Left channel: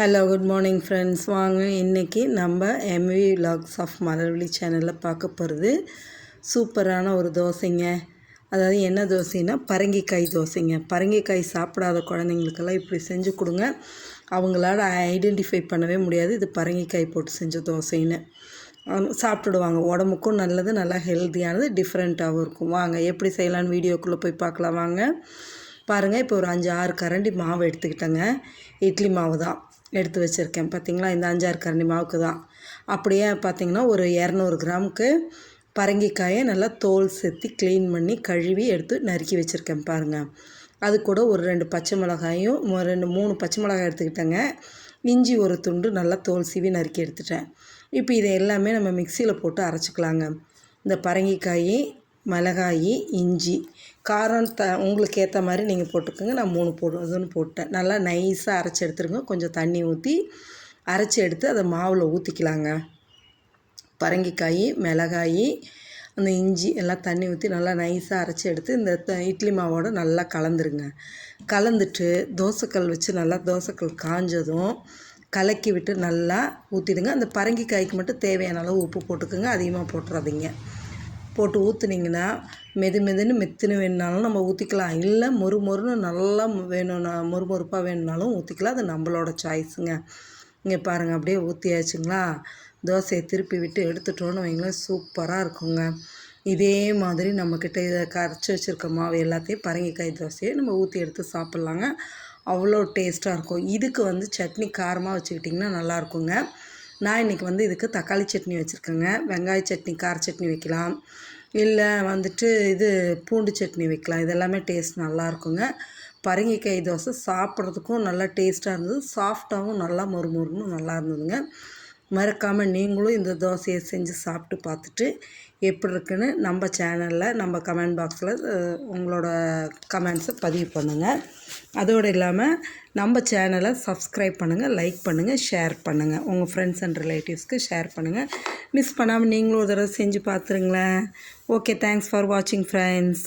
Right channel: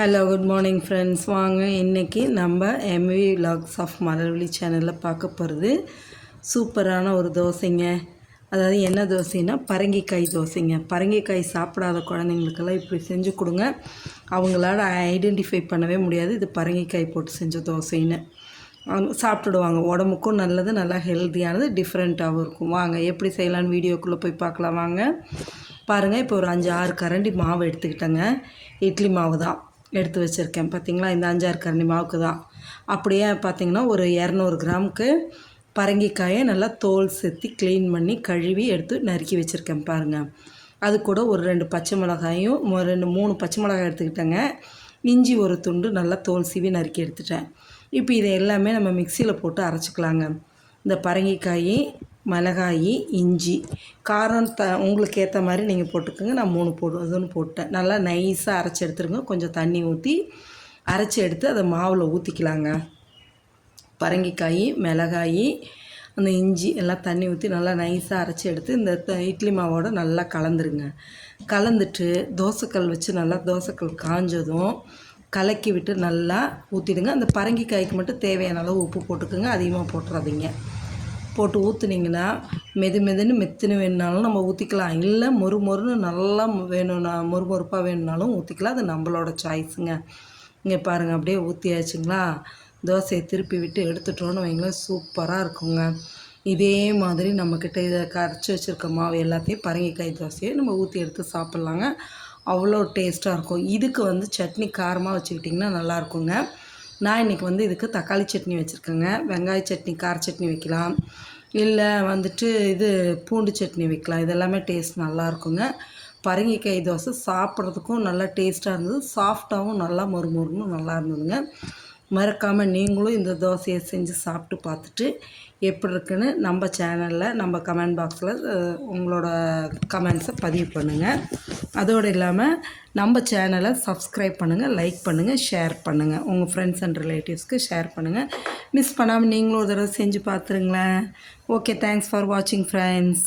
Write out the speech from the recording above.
Hello good morning friends வாங்க இன்றைக்கி நம்ம எம்வி லாக்ஸ் ஆஃப் மலர்வழி சேனலில் பார்க்க போகிறது சூப்பரான ஒரு தோசைங்க. அதாவது என்ன தோசைன்னா பரங்கிக்காய் தோசைங்க. பரங்கிக்காய் சாப்பிடாத குழந்தைங்களுக்கெல்லாம் இப்படி செஞ்சு கொடுங்க. அவங்களால ஐடென்டிஃபை பண்ணவே முடியாது இது பரங்கிக்காய் போட்டு செஞ்ச தோசைன்னு. அவங்க சாப்பிட்டுடுவாங்க. உடம்புக்கும் நல்லது நல்லா ஹெல்த்தியானது டிஃப்ரெண்ட்டாகவும் இருக்கும். வாங்க எப்படி செய்யலான்னு வீடியோக்குள்ளே போய் பார்க்கலாம். வாங்க. பாருங்கள் இப்போ ஒரு அஞ்சு ஆறு கரண்டி மாவு எடுத்துக்கிட்டேங்க. இட்லி மாவு தான் எடுத்து வச்சுருக்கேன். பார்த்தீங்களா இந்த அஞ்சாறு கரண்டி மாவுக்கு தான். அப்படியே பார்த்தீங்கன்னா ஒரு இரநூறு கிராமுக்கு பரங்கிக்காயை நல்லா தோல் செத்தி க்ளீன் பண்ணி கழுவி எடுத்து நறுக்கி வச்சுருக்கேன் பாருங்கள் அது கூட ஒரு ரெண்டு பச்சை மிளகாயும் ரெண்டு மூணு பச்சை மிளகாய் எடுத்துக்கிட்டேங்க. இஞ்சி ஒரு துண்டு நல்லா தோல் சீவி நறுக்கி எடுத்துட்டேன். இப்போ இதை எல்லாமே நம்ம மிக்சியில் போட்டு அரைச்சிக்கலாங்க. இந்த பரங்கிக்காய் மிளகாயி இஞ்சி. காரம் த உங்களுக்கு ஏற்ற மாதிரி நீங்கள் போட்டுக்கோங்க. நான் மூணு போடுறதுன்னு போட்டேன். நல்லா நைஸாக அரைச்சி எடுத்துருங்க. கொஞ்சம் தண்ணி ஊற்றி அரைச்சி எடுத்து அதை மாவில் ஊற்றிக்கலாங்க பரங்கிக்காய் மிளகாய் அந்த இஞ்சி எல்லாம் தண்ணி ஊற்றி நல்லா நைஸாக அரைச்சி எடுத்து இந்த த- இட்லி மாவோட நல்லா கலந்துருங்க. கலந்துட்டு தோசைக்கல் வச்சு நல்லா தோசைக்கல் காஞ்சதும் கலக்கி விட்டு நல்லா ஊற்றிடுங்க அந்த பரங்கிக்காய்க்கு மட்டும் தேவையான அளவு உப்பு போட்டுக்கோங்க. அதிகமாக போட்டுறாதீங்க. போட்டு ஊற்றுனீங்கன்னா மெது மெதுன்னு மெத்துன்னு வேணுனாலும் நம்ம ஊற்றிக்கலாம் இல்லை மொறு மொறுன்னு நல்லா வேணும்னா மொறு மொறுப்பாக வேணும்னாலும் ஊற்றிக்கலாம் அது நம்மளோட சாய்ஸுங்க இங்கே பாருங்கள் அப்படியே ஊற்றியாச்சுங்களா தோசையை திருப்பி விட்டு எடுத்துட்டோன்னு வைங்களேன் சூப்பராக இருக்குங்க. இதே மாதிரி நம்மக்கிட்ட இதை கரைச்சி வச்சுருக்க மாவு எல்லாத்தையும் பரங்கிக்காய் தோசையை நம்ம ஊற்றி எடுத்து சாப்பிட்லாங்க. அவ்வளோ டேஸ்ட்டாக இருக்கும். இதுக்கு வந்து சட்னி காரமாக வச்சுக்கிட்டிங்கன்னா நல்லாயிருக்குங்க நான் இன்றைக்கி வந்து இதுக்கு தக்காளி சட்னி வச்சுருக்கேங்க. வெங்காய சட்னி கார சட்னி வைக்கலாம். இல்லை வந்துட்டு இது பூண்டு சட்னி வைக்கலாம். இதெல்லாமே டேஸ்ட் நல்லா இருக்குங்க. பரங்கிக்காய் தோசை சாப்பிட்றதுக்கும் நல்லா டேஸ்ட்டாக இருந்தது. சாஃப்டாகவும் நல்லா மொறுமொறுன்னு நல்லா இருந்ததுங்க. மறக்காமல் நீங்களும் இந்த தோசையை செஞ்சு சாப்பிட்டு பார்த்துட்டு எப்படி இருக்குன்னு நம்ம சேனலில் நம்ம கமெண்ட் பாக்ஸில் உங்களோட கமெண்ட்ஸை பதிவு பண்ணுங்கள் அதோடு இல்லாமல் நம்ம சேனலை சப்ஸ்கிரைப் பண்ணுங்கள் லைக் பண்ணுங்கள் ஷேர் பண்ணுங்கள் உங்கள் ஃப்ரெண்ட்ஸ் அண்ட் ரிலேட்டிவ்ஸ்க்கு ஷேர் பண்ணுங்கள் மிஸ் பண்ணாமல் நீங்களும் ஒரு தடவை செஞ்சு பார்த்துருங்களேன். ஓகே தேங்க்ஸ் ஃபார் வாட்சிங் ஃப்ரெண்ட்ஸ்